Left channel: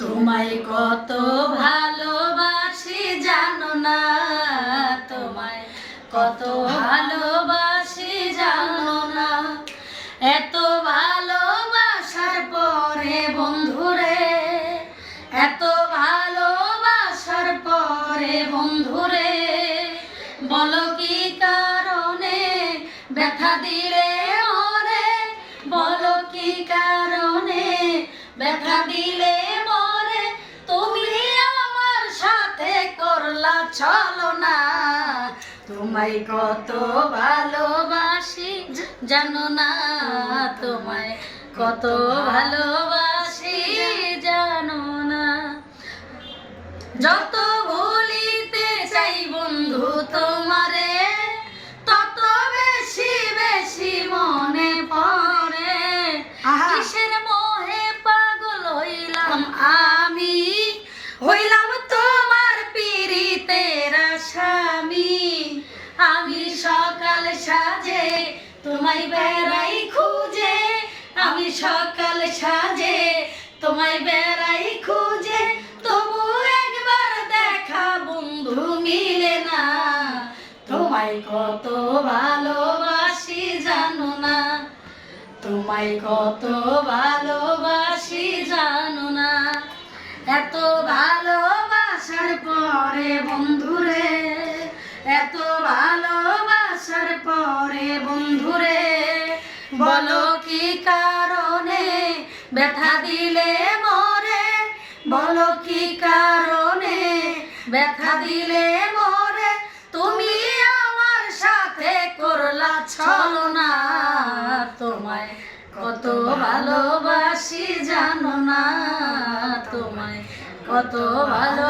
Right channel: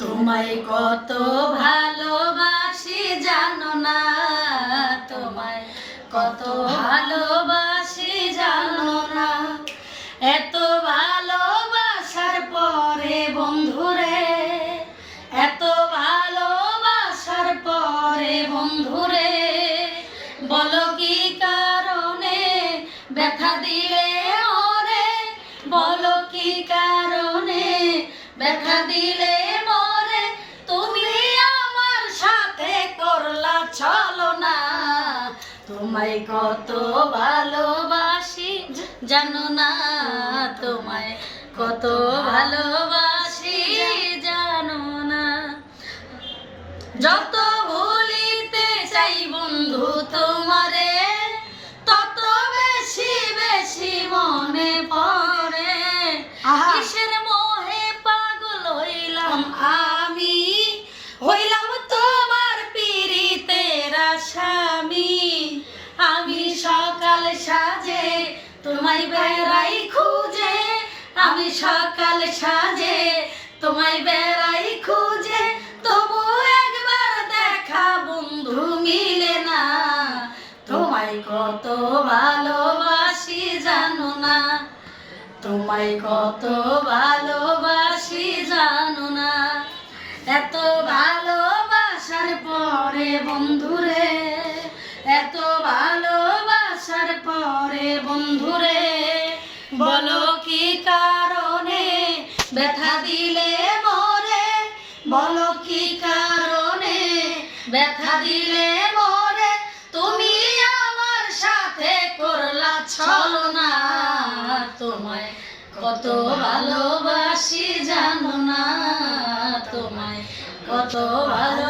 তোমায় কত ভালোবাসি, জানো না। তোমায় কত ভালোবাসি, জানো না। এত ভালোবাসার পরে বন্ধুরে, এত ভালোবাসার পরে বন্ধুরে, বলো কি কারণে ব্যথা দিলে মরে বলো কি কারণে ব্যথা দিলে চলো না। তোমায় কত ভালোবাসি জানো না। তোমায় কত ভালোবাসি জানো না। যত ভুলিতে চাই বন্ধু তোমারে তত বেশি বেশি মনে পড়ে। কিসের স্বামী, আমি সকাল সাজে তোমায় বেড়াই খুঁজে, আমি সকাল সাজে তোমায় বেড়াই খুঁজে, তবু একবার দেখা বন্ধু মিলে না। তোমায় কত ভালোবাসি, জানো না। তোমায় কত ভালোবাসি, জানো না। এত ভালোবাসার পরে বন্ধুরে বলো কি কারণে ব্যথা দিলে মরে? বলো কি কারণে ব্যথা দিলে মরে? তুমি আমার সাথে করলা ছলনা। তোমায় কত ভালোবাসি জানো না। তোমায় কত ভালো